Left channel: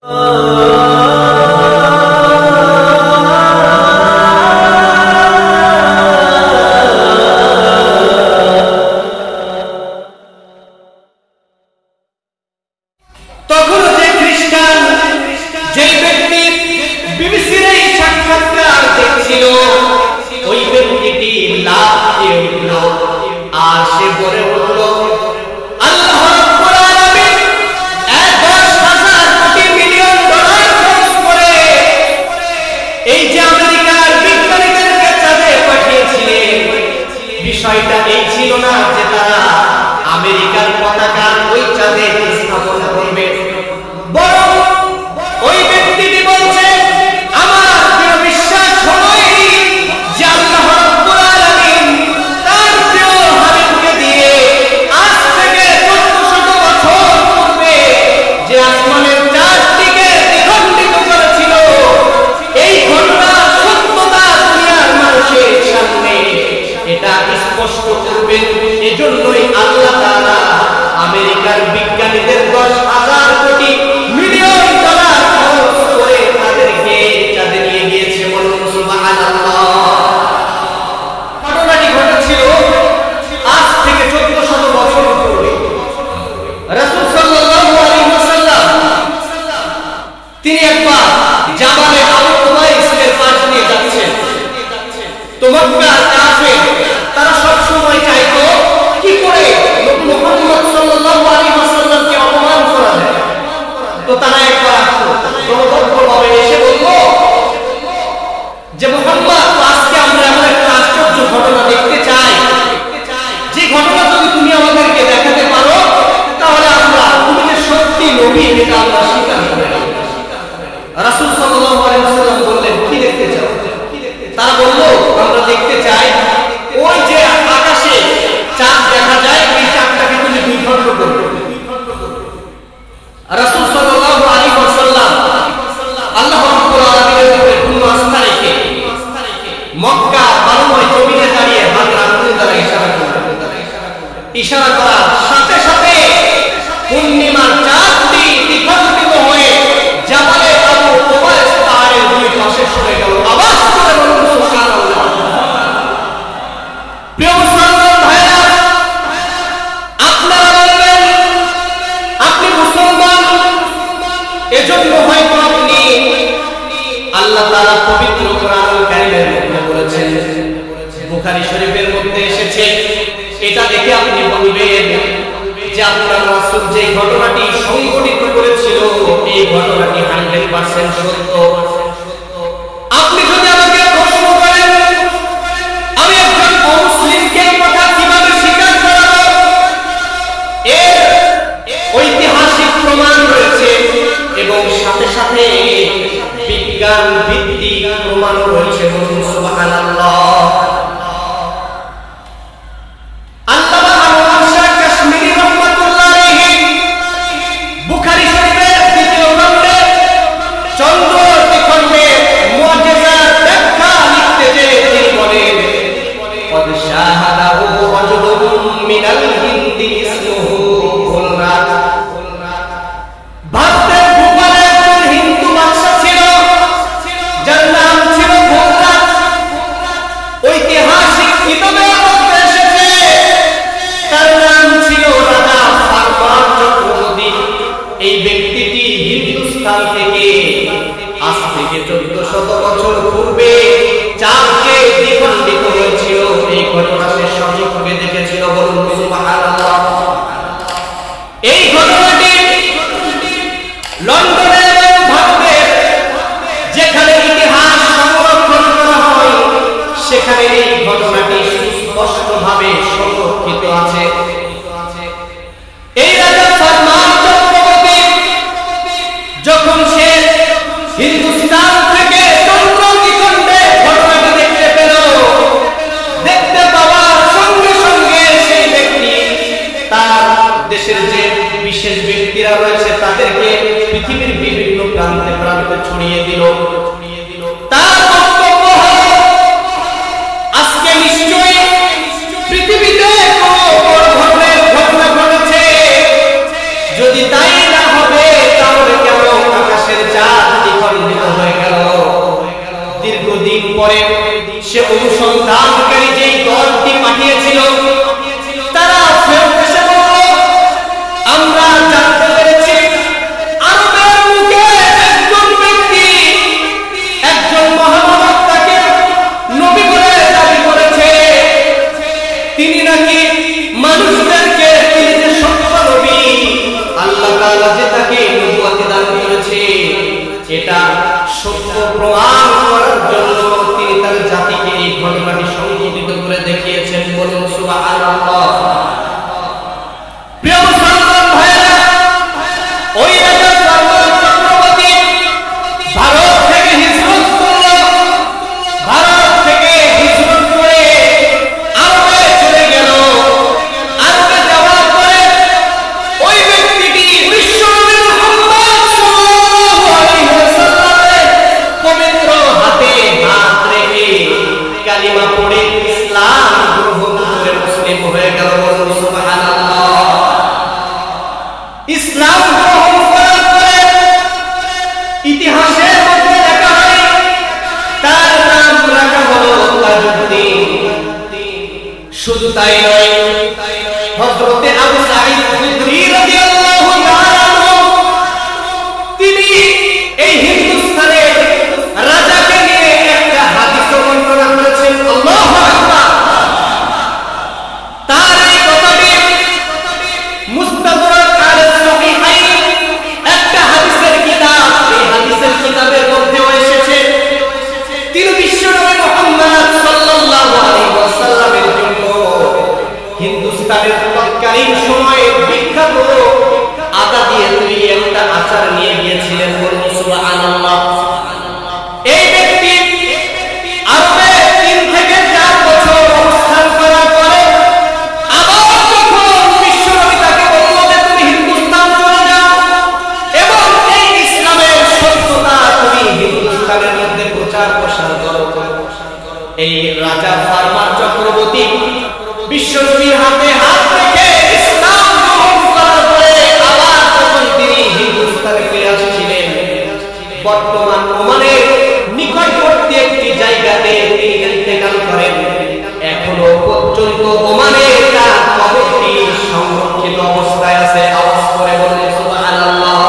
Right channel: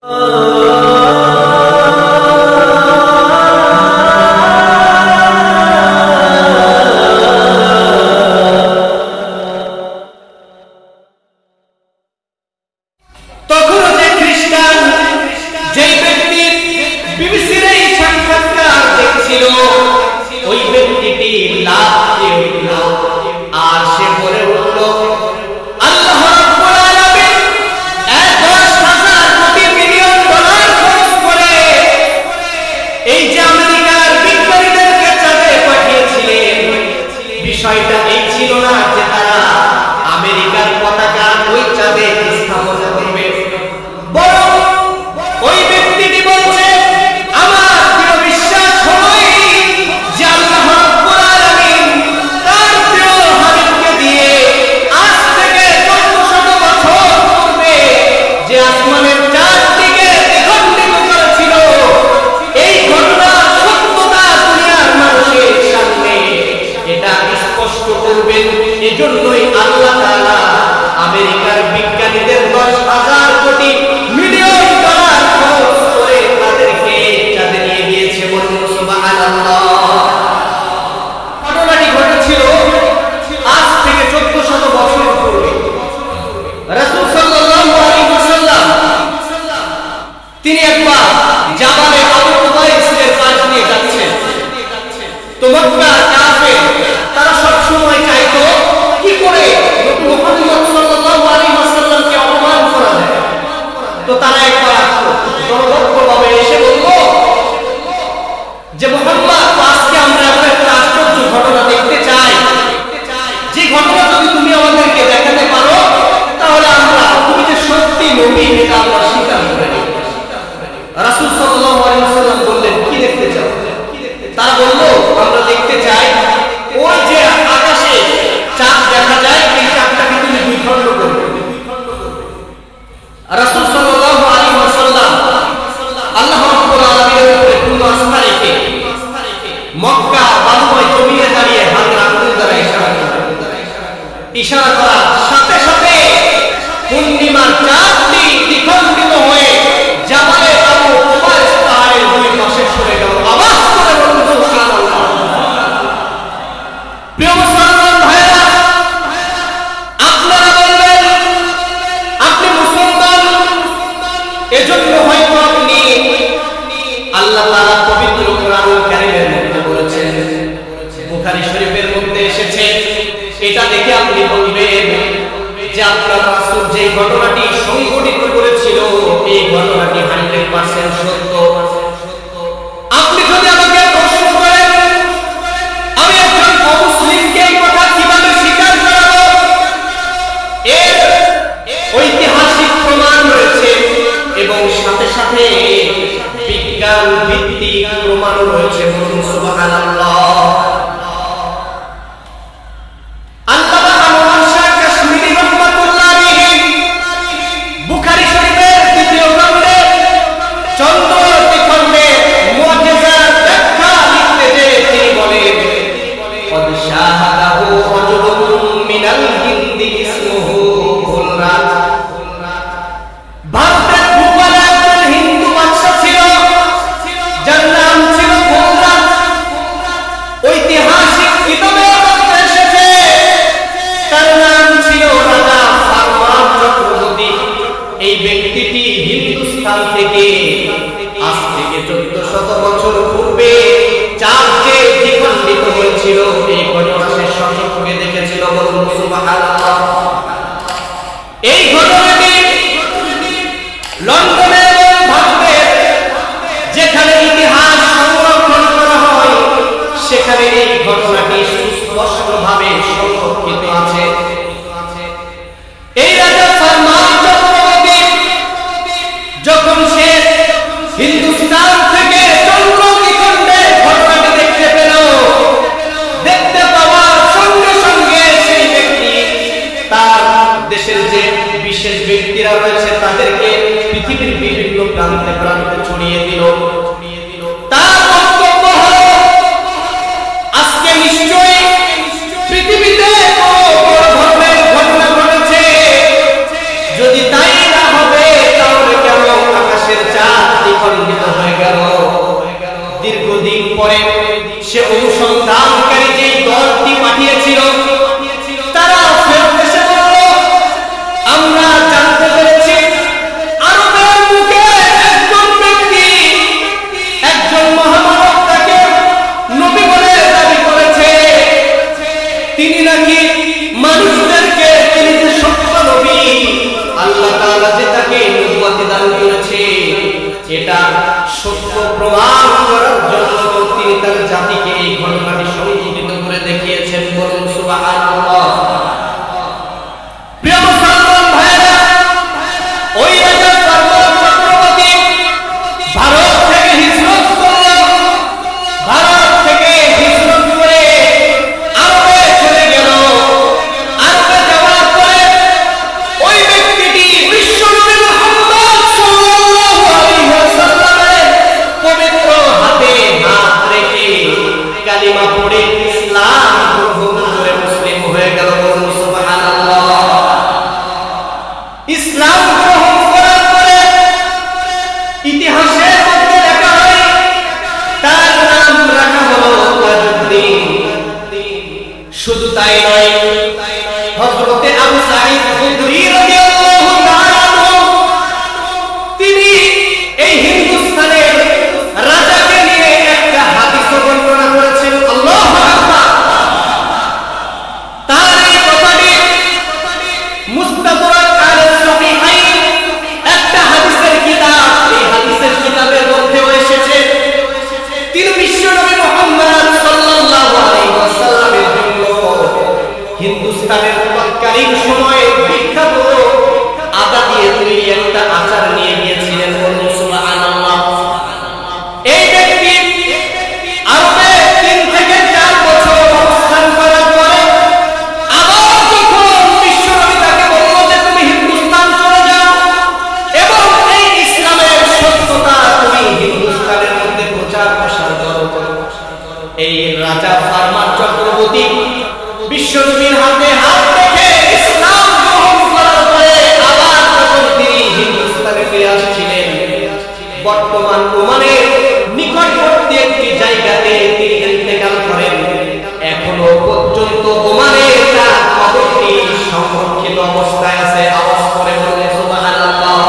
তখনও যে খ্রিস্টান যেই ব্যক্তি বিবিসির এই সাক্ষাৎকার দেখছিল, ওই ব্যক্তিটি লাফ দিয়ে উঠল আর সে বলে উঠল, আল্লাহ রাব্বুল আলামিন 10,000 কোটি মিলিয়ন ডলার খরচ করে এই যে আমেরিকার বিজ্ঞানীদেরকে চাঁদে পাঠিয়েছিলেন, বিষয়টা এই ছিল না যে তারা আমেরিকার পতাকা ওই চাঁদে স্থাপন করবে, বরং ওই ব্যক্তিটি বলছে, আমার দৃঢ় বিশ্বাস হলোই যে আল্লাহ রাব্বুল আলামিন তার প্রিয় হাবিবকে দিয়ে আজ থেকে 1400 বছর পূর্বে যে আসমানের চাঁদটিকে দ্বিখণ্ডিত করেছিল, এই ঘটনার সত্যতা দুনিয়ার মানুষের সামনে এটা স্পষ্ট করবেন। এজন্যই আল্লাহ তাআলা আমেরিকার বিজ্ঞানীদের 10,000 কোটি মিলিয়ন ডলার খরচ করে তাদেরকে চাঁদে নিয়ে গিয়েছে। বলুন সুবহানাল্লাহ। ঘটনাটি ঘটেছিল আজ থেকে 1400 বছর পূর্বে। রাসূল সাল্লাল্লাহু আলাইহি ওয়াসাল্লাম তিনি একবার জাবালে আবু কুবাইসের পাশ দিয়ে যাচ্ছেন। তো মক্কার কাফের তারা সব সময় চাইতো কি করে নবী মুহাম্মদ সাল্লাল্লাহু আলাইহি ওয়াসাল্লামকে অপমান করা যায়। তো তারা একবার আসলো, দলবদ্ধভাবে এসে বলল যে মুহাম্মদ, আজকে আমরা এমন একটা আশ্চর্য ঘটনা দেখতে চাই, যে ঘটনা যদি তুমি আমাদেরকে দেখাতে পারো তাহলে আমরা তুমি যে সত্যি নবী এটা আমরা স্বীকার করে নেব। রাসূল সাল্লাল্লাহু আলাইহি ওয়াসাল্লাম বললেন, কি দেখতে চাও? তারা বলল, আমরা দেখতে চাই ওই যে আকাশে চাঁদ দেখা যায়, এই চাঁদটাকে তুমি দুই খণ্ড করবে। রাসূল সাল্লাল্লাহু আলাইহি ওয়াসাল্লাম আল্লাহ রাব্বুল আলামিনের উপরে পূর্ণ আস্থা রেখে মক্কার বালুময় জমিনে দাঁড়িয়ে হাতের আঙ্গুল দ্বারা ইশারা করলেন। ইশারা করার সাথে সাথে পূর্ণিমার চাঁদটি দ্বিখণ্ডিত হয়ে জাবালে আবু কুবাইস পাহাড়ের দুই পাশে সরে গেল। আওয়াজ করে বলুন সুবহানাল্লাহ। প্রিয় মুসলমান ভাইরা, আপনারা বলবেন আপনি মুসলমান, এজন্য হয়তো আপনি আল্লাহ তাআলা পবিত্র কোরআনুল কারীমের মধ্যে বলেছেন, বুখারী শরীফের মধ্যে এসেছে, এটা দেখে আপনি বলবেন যে আপনার রাসূল যে ঘটনাটি সংঘটিত করেছিল এই ঘটনাটি 100% সত্য। আপনি যদি আমাকে প্রশ্ন করেন আমি একজন অমুসলিমকে এই কথা কিভাবে স্বীকার করাবো, এর ঐতিহাসিক প্রমাণ রয়েছে এবং সাথে সাথে বিজ্ঞান ভিত্তিক প্রমাণও রয়েছে। বলুন সুবহানাল্লাহ। আল্লামা আনোয়ার শাহ কাশ্মীরি রাহমাতুল্লাহ আলাইহি বুখারী শরীফের 2য় খণ্ডে চন্দ্র দ্বিখণ্ডের মুজিজার ব্যাখ্যা লিখতে যে তিনি বলেন, قد شاهده رجل من الهند اسمه ভুলরাত। ভারতের ভূপালে একজন হিন্দু বাদশা ছিল যার নাম ছিল ভুলরাত। ঐতিহাসিক কিতাবে মধ্যে এসেছে তার নাম ছিল রাজা ফারমান চক্রবর্তী। এই ব্যক্তিটি হিন্দুস্তান থেকে আজ থেকে 1400 বছর পূর্বে চাঁদ যে দ্বিখণ্ডিত হয়েছিল এই ঘটনা সে স্বচক্ষে দেখেছিল। বলুন সুবহানাল্লাহ। এই ঘটনাটি লন্ডনে এবং ভারতের যেখানে ইতিহাস সংরক্ষণ করা হয় সেখানে এই ঘটনাটি সুস্পষ্টভাবে সংরক্ষিত আছে। এই রাজা ফারমান চক্রবর্তী যখন সে হিন্দুস্তান থেকে চন্দ্র দ্বিখণ্ডে ঘটনাটি দেখতে পেল, দেখতে পাওয়ার সঙ্গে সঙ্গে সেই ব্যক্তি তার দেশের যে বিশেষ ব্যক্তিরা রয়েছে তাদেরকে পৃথিবীর বিভিন্ন প্রান্তে প্রান্তে ছড়িয়ে দিল। তার বক্তব্য হল, আজকে নিশ্চয়ই পৃথিবীতে কোনো বড় ধরনের ঘটনা ঘটেছে, যদি তাই না হবে তাহলে কেন আকাশের দ্বিখণ্ডিত হয়ে গেল। দীর্ঘদিন পরে সে অনুসন্ধানকারী যেই দলটি পাঠিয়েছিল তারা ফেরত এসে বলল, আমরা জানতে পেরেছি আরবের বুকে একজন ব্যক্তি, একজন মহামানব তাকে নবী বলে দাবি করেছে। তিনি নাকি মানুষদেরকে, তিনি যে সত্য নবী, আল্লাহ তাআলা যে তাকে নবুয়ত দান করেছে, এটা সত্য প্রমাণ করার জন্য তিনি তার জাতিকে এই ঘটনাটি সংঘটিত করে দেখিয়েছেন। বলুন সুবহানাল্লাহ। প্রিয় মুসলমান ভাইরা, ওই রাজা ফারমান চক্রবর্তী ভারত থেকে হিজরত করল। ভারত থেকে হিজরত করে আরবে চলে গেল। আরবে যাওয়ার পরে ওই ব্যক্তিটি বিশ্বনবী মুহাম্মদ সাল্লাল্লাহু আলাইহি ওয়াসাল্লামের পবিত্র হাতে হাত রেখে কালিমা পড়ে ইসলাম গ্রহণ করে মুসলিম হয়ে গেল। বলুন সুবহানাল্লাহ। ইসলাম গ্রহণ করার পরে ইতিহাসের মধ্যে লেখা হয় তার নাম রাখা হলো তাজউদ্দিন। শুধু তাই নয়, হযরতে আবু সাঈদ খুদরি রাদিয়াল্লাহু তাআলা আনহু তিনি এই হিন্দুস্তানের রাজাকে নিয়ে একটা হাদিস বর্ণনা করেছেন। আল্লাহু আকবার। তার এই কথাটি মুস্তাদরাক আলা সহিহাইন একটা হাদিসের কিতাব, এই হাদিসের কিতাবের মধ্যেও এসেছে তিনি বিশ্বনবী মুহাম্মদ সাল্লাল্লাহু আলাইহি ওয়াসাল্লামের জন্য হিন্দুস্তানের তৎকালীন সময়ে বিখ্যাত আদা দিয়ে তৈরি একটা আচার নিয়ে গিয়েছিলেন। বলুন সুবহানাল্লাহ। এই ব্যক্তি আরবে 3 থেকে 4 বছর অবস্থান করার পরে আবার যখন বিশ্বনবী তাকে বলল যে তুমি হিন্দুস্তান চলে যাও এবং এই ইসলামের সত্যতা তুমি হিন্দুস্তানের মধ্যে প্রচার প্রসার করো, এই রাজা ফারমান চক্রবর্তী বিশ্বনবীর হাতে হাত রেখে ইসলাম গ্রহণ করার পরে আবার যখন তিনি হিন্দুস্তানে ফিরে আসছিলেন, বর্তমান ওমানের নিকটবর্তী একটি জায়গাতে তিনি ইন্তেকাল করেন। এখনো পর্যন্ত ওমানে তার কবরটি সংরক্ষিত অবস্থায় আছে। আওয়াজ করে বলুন সুবহানাল্লাহ।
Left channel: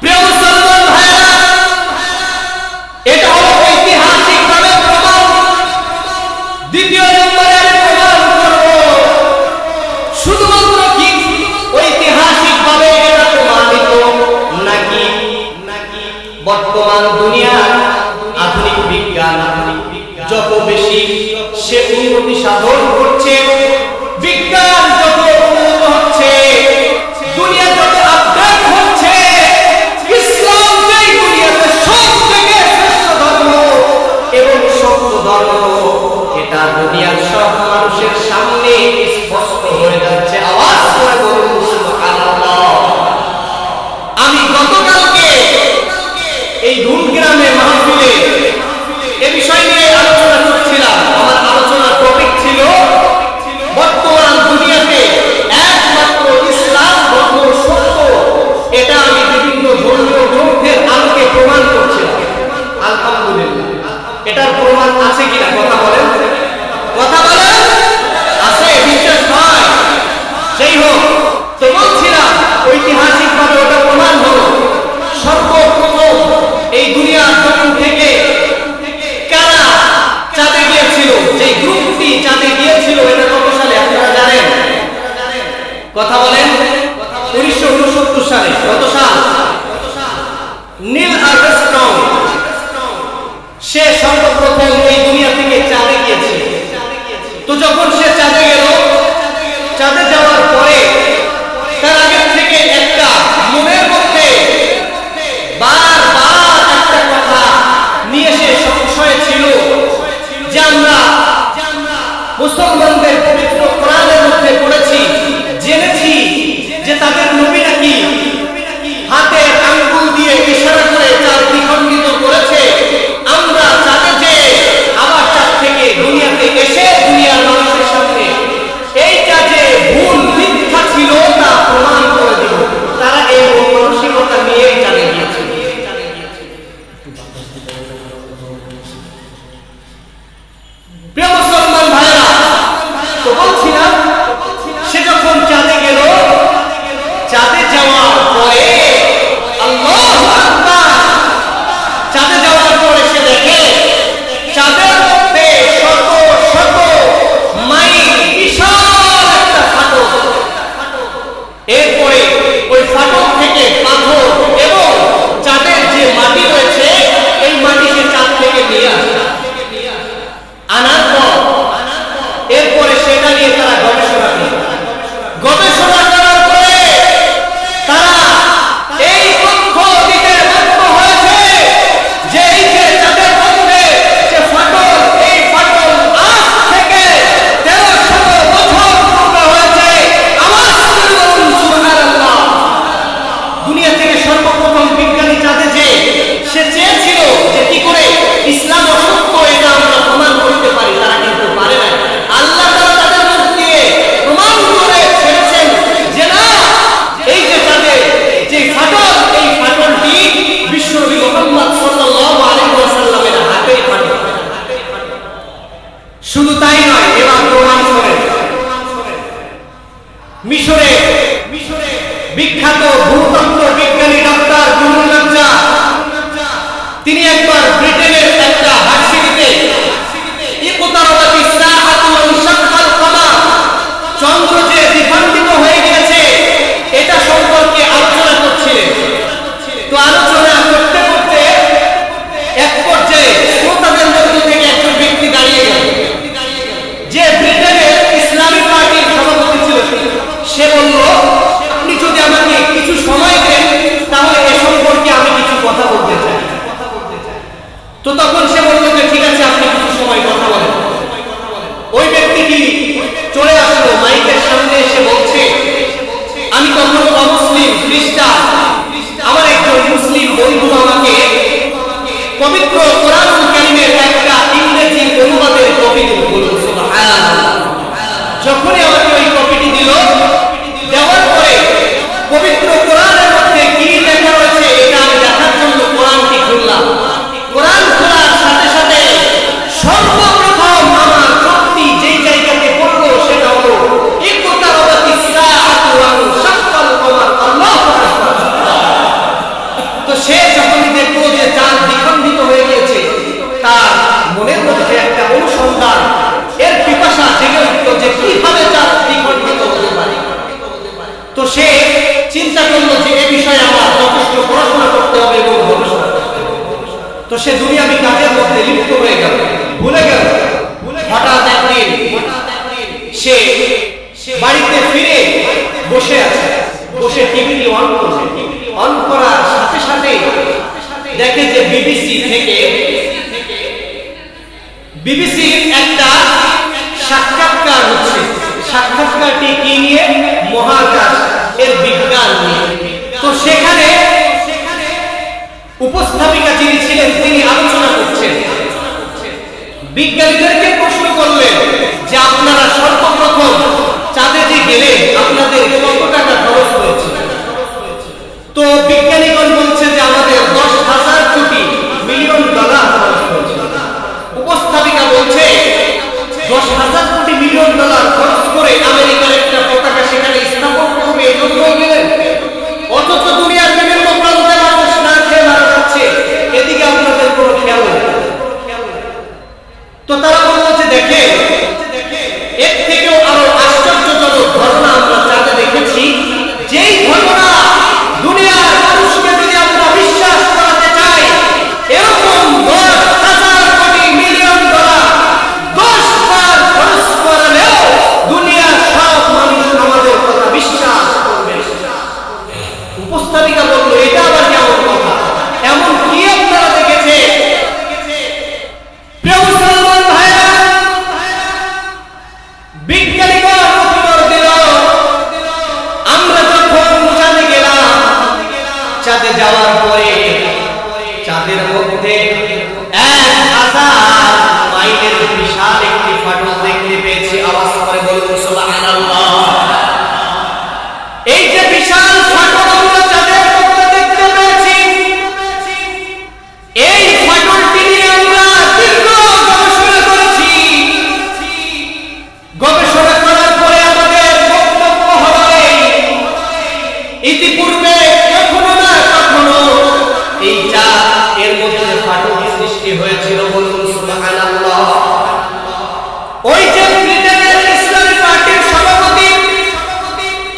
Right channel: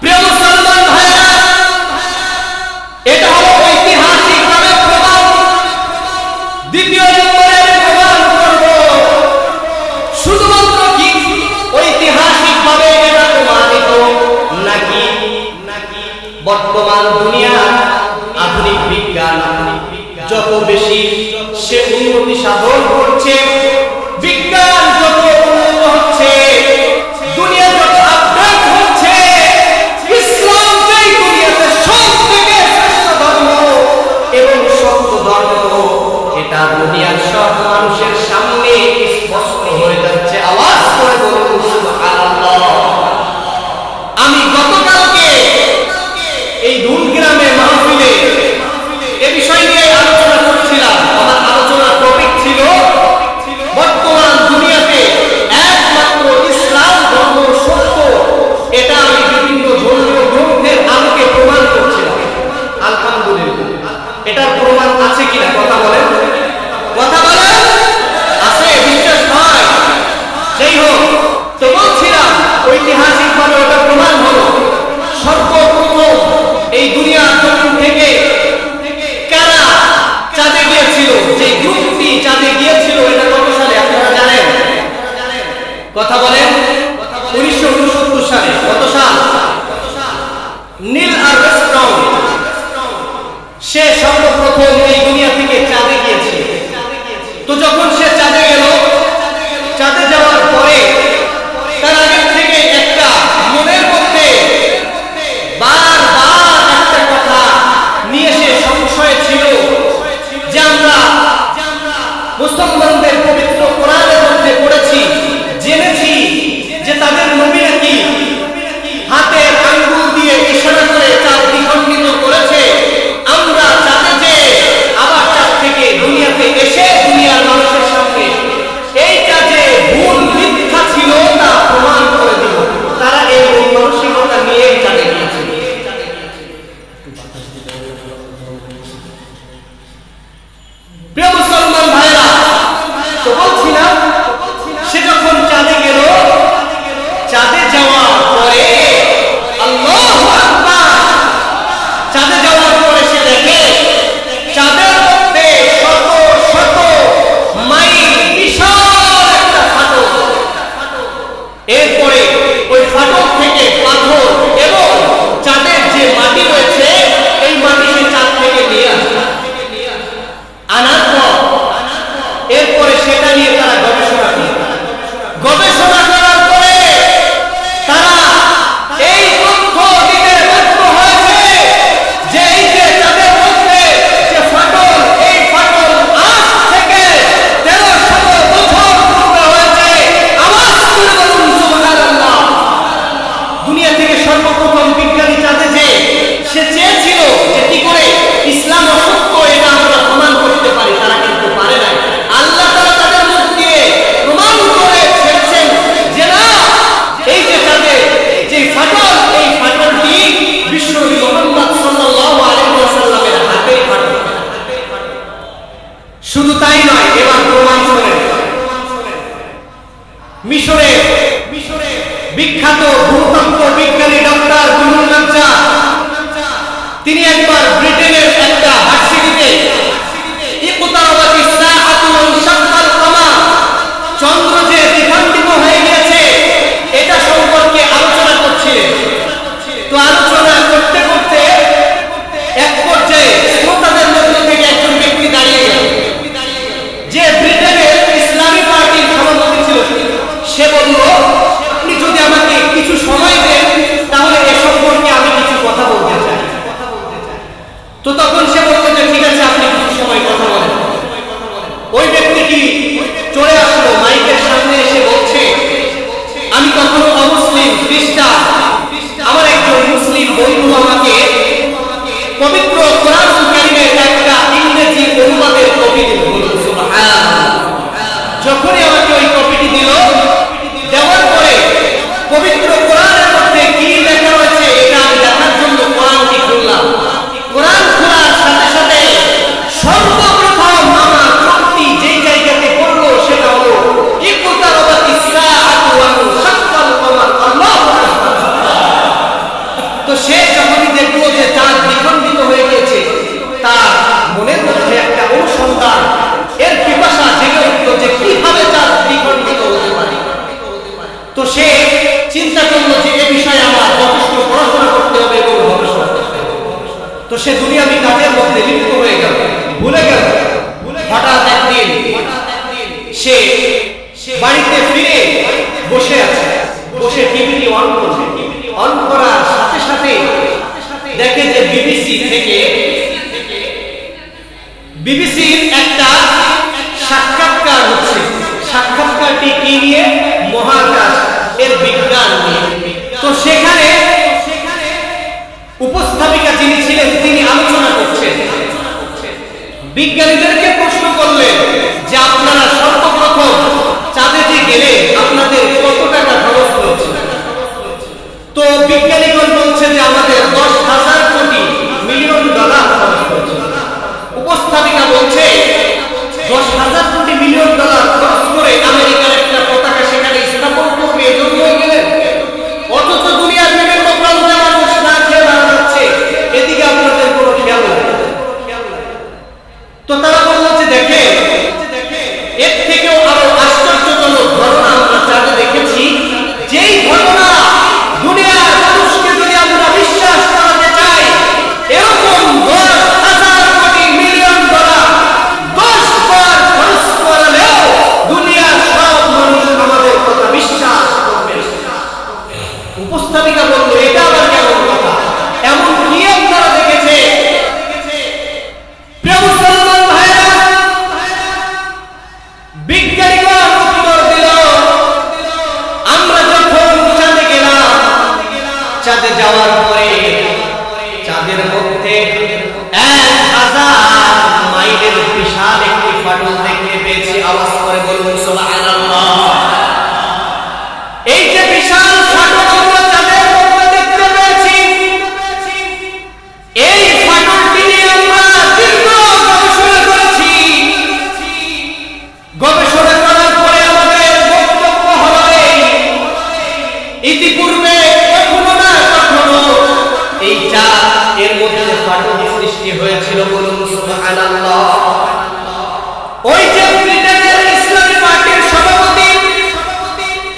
প্রিয় মুসলমান ভাইরা, এটা হলো ঐতিহাসিকভাবে প্রমাণ। দ্বিতীয় নম্বরে আমি প্রমাণ করব শুধুমাত্র কি ঐতিহাসিকভাবে এটা প্রমাণিত নাকি বর্তমান দুনিয়ার আধুনিক বিজ্ঞান যত বেশি সে উন্নতি সাধন করছে, বিজ্ঞান যত উন্নত হচ্ছে, দুনিয়া যত আপডেট হচ্ছে, ইসলাম যেই দুনিয়াতে সবথেকে শ্রেষ্ঠ ধর্ম এবং সত্য ধর্ম, এটা দুনিয়ার সব মানুষের সামনে স্পষ্ট হয়ে যাচ্ছে। আওয়াজ করে বলুন সুবহানাল্লাহ। আমি গতকালকে এই ধুনগ্রামে মাহফিলে এ বিষয় নিয়ে আলোচনা করছিলাম। আমার আলোচনার টপিক ছিল বর্তমান দুনিয়াতে একমাত্র ইসলাম ধর্ম সত্য। এটা আমি বিভিন্ন ধর্মীয় গ্রন্থের আলোকে প্রমাণ করছিলাম। আলহামদুলিল্লাহ, এটার প্রমাণ আছে কিনা কথা বলেন? কথা বলেন আছে? বিশ্বাস হয়? যাই হোক, তো বলছিলাম ঐতিহাসিকভাবে ওটা প্রমাণ হলো। সর্বপ্রথম এই দুনিয়ার জমিন থেকে কারা চাঁদে গিয়েছিল? যে গ্রুপটি চাঁদে গিয়েছিল এটা কত সালে আপনারা জানেন? কথা বলেন। 1969 সালে। কত সাল? নীল আর্মস্ট্রং সে সর্বপ্রথম এই দুনিয়া থেকে চাঁদে গিয়েছিল। তো যখন সে চাঁদে গেল, চাঁদে যাওয়ার পরে তার আগের থেকে একটা মনের মধ্যে বারবার একটা কথা নিয়ে সে সংশয় ছিল যে আমরা মুসলমানদের পবিত্র কোরআনের মধ্যে পড়েছি, জেনেছি যে তাদের নবী নাকি হাতের আঙ্গুল দিয়ে ইশারা করে চাঁদ দ্বিখণ্ডিত করেছে। আমরা চাঁদে যে আবার চাঁদ থেকে দুনিয়াতে এসে দুনিয়ার মানুষের সামনে এইটা যে ভুল মিথ্যা ছিল তা প্রমাণ করে দিব। তারা এই মানসিকতা নিয়েই চাঁদে গিয়েছিল। নিয়ে আসে, আনার পর এরপরে সেটা নিয়ে তারা গবেষণা করে, গবেষণা করার পরে তারা এই তথ্য দিতে বাধ্য হয়েছে যে এই যে তাদের মধ্যে যে ফাটল, এই ফাটল আজ থেকে 1300 বছর পূর্বে হয়েছে। আওয়াজ করে বলুন সুবহানাল্লাহ। দুনিয়া থেকে সর্বপ্রথম বিজ্ঞানী চাঁদে যে সে চেয়েছিল যে কি করে ইসলাম অসত্য এটা আমরা প্রমাণ করতে পারি, তারা কিন্তু পারে নাই। আল্লাহ তাআলা তাদের মুখ দিয়ে প্রমাণ করে ছেড়েছেন যে না, এই যে চাঁদে যে ফাটল, এই ফাটলটি বিশ্বনবী মুহাম্মদ সাল্লাল্লাহু আলাইহি ওয়াসাল্লামের হাতেই ফাটল। শুধু তাই নয়, এবার প্রমাণ শোনেন। মিশরের বিখ্যাত ভূতত্ত্ব বিজ্ঞানী ডক্টর গুলুল নাজ্জার, তিনি একবার ব্রিটেনের একটা ভার্সিটিতে ইকতারাবাতিস সাআতু ওয়া ইনশাক্কাল কমার, চন্দ্র যে দ্বিখণ্ডিত হয়ে গিয়েছে এটা সম্পর্কে আলোচনা করছিলেন। তো আলোচনা করতে করতে এক পর্যায়ে শ্রোতাদের মধ্য থেকে একজন ব্যক্তি দাঁড়িয়ে গেল, যে ব্রিটেনের ইসলামী পার্টির সভাপতি ছিল। সে বলল, আপনি যদি আমাকে কিছু সময় দেন তাহলে এ সম্পর্কে আমি কিছু কথা বলতে চাই। তো তখন সে বলল যে ঠিক আছে, আপনি কিছু সময় কথা বলেন। ওই ব্যক্তিটি চলে আসলো, মাইকের সামনে এসে বলছে, আমি কখনো অমুসলিম খ্রিস্টান, আমার একজন মুসলিম বন্ধু আমাকে পবিত্র কোরআনুল কারীমের একটা ইংরেজি অনুবাদের কপি দিল। বলুন সুবহানাল্লাহ। যখনই আমাকে ওই কপিটি দিল, দেওয়ার পরে পবিত্র কোরআনের মধ্যে কি লেখা রয়েছে এটা আমি দেখার জন্য কোরআনটি খুললাম। কোরআন খোলার সাথে সাথে সর্বপ্রথম আমার চোখটি যেই জায়গাতে পড়লো সেটা হলো ইকতারাবাতিস সাআতু ওয়া ইনশাক্কাল কমার। আল্লাহু আকবার। তো সে যখনই দেখলো যে চাঁদ দ্বিখণ্ডিত হয়ে গিয়েছে, তার মনের মধ্যে একটা অনুসন্ধান, এর পিপাসা জেগে উঠল যে কিভাবে চাঁদ দ্বিখণ্ডিত হতে পারে। তো সে চিন্তা করলো যে এ বিষয়ে আমার যথেষ্ট পড়াশোনা করতে হবে এবং গবেষণা করতে হবে। তো সে দুনিয়াবি কাজের মধ্যে লিপ্ত হয়ে গেল, ভুলে গেল। হঠাৎ একদিন সে বাড়িতে ফিরে বসে আছে, বসে টিভিটি অন করল। অন করার সাথে সাথে দেখে যে বিবিসির একটা সাক্ষাৎকার হচ্ছে। সাক্ষাৎকারটি কি নিয়ে? মহাকাশ এর বিজ্ঞান নিয়ে। তো সেখানে উপস্থাপিকা যিনি ছিলেন তিনি আলোচনা করছেন। বিজ্ঞানীদেরকে প্রশ্ন করলেন যে আপনারা সর্বপ্রথম চাঁদে যে গেলেন আপনাদের কত টাকা খরচ হয়েছে? তো বিজ্ঞানীগণ বলছে যে আমাদের 10,000 কোটি মিলিয়ন ডলার খরচ হয়েছে। উপস্থাপিকা বলছে 10,000 কোটি মিলিয়ন ডলার খরচ করে আমেরিকার একটা পতাকা সেখানে স্থাপন করবে, এজন্যই গেলেন। অথচ দুনিয়ার বিভিন্ন প্রান্তে মানুষ না খেয়ে মারা যাচ্ছে, এদিকে আপনাদের কোনো খেয়াল নেই। তো তারা বলল যে দেখে, এর থেকেও আরো আশ্চর্যজনক ঘটনা আমরা চাঁদে দেখেছি। যেই ঘটনা দুনিয়ার মানুষকে যদি আমরা বিশ্বাস করাতে চাই, এরকম 10,000 কোটি মিলিয়ন ডলার 10 বার খরচ করালেও দুনিয়ার সব মানুষ আমাদের কথা বিশ্বাস করবে না। উপস্থাপিকা বলল, এটা আবার কেমন কথা? এমন কি আপনারা দেখেছে? প্রিয় মুসলমান ভাইরা, বিজ্ঞানীগণ উত্তর দিল, আমরা যখন চাঁদে গেলাম, চাঁদে যাওয়ার পরে চাঁদের মধ্যে 1000 মাইলের বিশাল একটি ফাটল দেখতে পেয়েছি। আওয়াজ করে বলুন সুবহানাল্লাহ। এই যে বিশাল ফাটল আমরা চাঁদের মধ্যে দেখতে পেয়েছি, এই ফাটলটি নিয়ে আমরা দীর্ঘ গবেষণা করেছি। গবেষণা করার পরে আমাদের বক্তব্য হলো ইতিপূর্বে কখনো না কখনো এই চাঁদ এর মধ্যে ফাটল সৃষ্টি হয়েছিল। বলুন সুবহানাল্লাহ। ওই যে ব্রিটেনের ইসলামী পার্টির সভাপতি,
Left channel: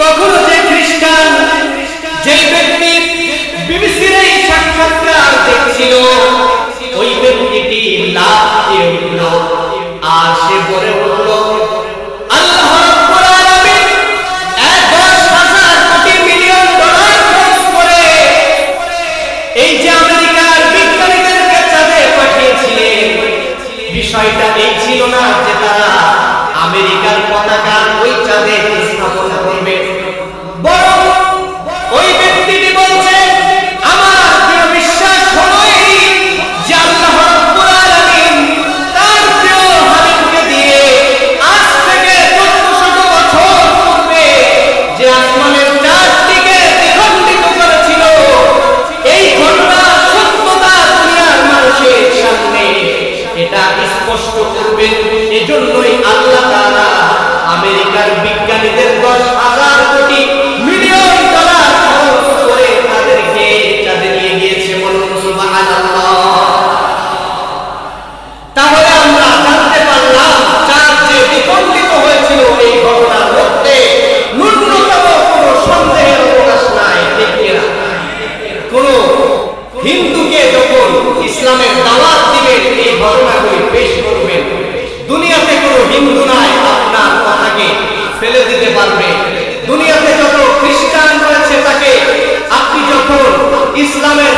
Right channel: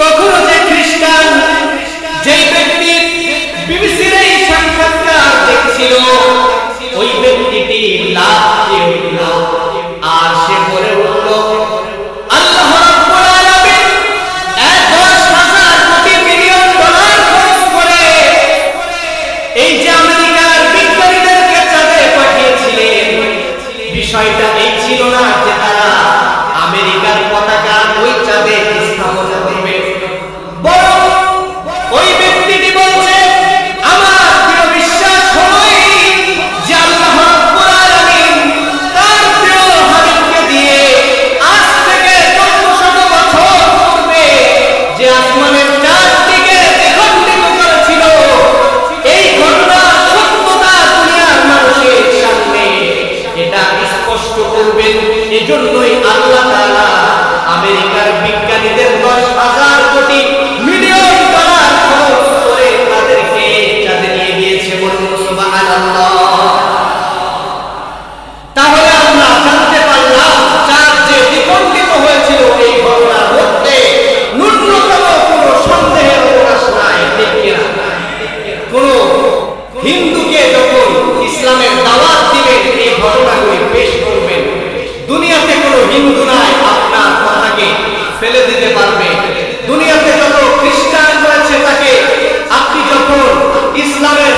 তখনও যে খ্রিস্টান, যেই ব্যক্তি বিবিসির এই সাক্ষাৎকার দেখছিল, ওই ব্যক্তিটি লাফিয়ে উঠল আর সে বলে উঠল, আল্লাহ রাব্বুল আলামিন 10,000 কোটি মিলিয়ন ডলার খরচ করে এই যে আমেরিকার বিজ্ঞানীদেরকে চাঁদে পাঠিয়েছিলেন, বিষয়টা এই ছিল না যে তারা আমেরিকার পতাকা ওই চাঁদে স্থাপন করবে, বরং ওই ব্যক্তিটি বলছে, আমার দৃঢ় বিশ্বাস হলো যে আল্লাহ রাব্বুল আলামিন তার প্রিয় হাবিবকে দিয়ে আজ থেকে 1400 বছর পূর্বে যে আসমানের চাঁদটিকে দ্বিখণ্ডিত করেছিল, এই ঘটনার সত্যতা দুনিয়ার মানুষের সামনে এটা স্পষ্ট করবেন। এজন্যই আল্লাহ তাআলা আমেরিকার বিজ্ঞানীদের 10,000 কোটি মিলিয়ন ডলার খরচ করে তাদেরকে চাঁদে নিয়ে গিয়েছে। বলুন সুবহানাল্লাহ। তাহলে আমরা জানতে পারলাম চাঁদ যে দ্বিখণ্ডিত হয়েছিল এই ঘটনার মধ্যে ন্যূনতম কোনো সন্দেহের অবকাশ নাই, ঠিক কিনা? কোন হিন্দুকে যখন ইসলামের দাওয়াত দিবেন, এই ঘটনাগুলি পেশ করবেন, দুনিয়াতে কোনো হিন্দু নাই আপনার কথাকে ফেলে দিতে পারবে। দুনিয়াতে যত খ্রিস্টান রয়েছে তাকে আপনি যখন ইসলামের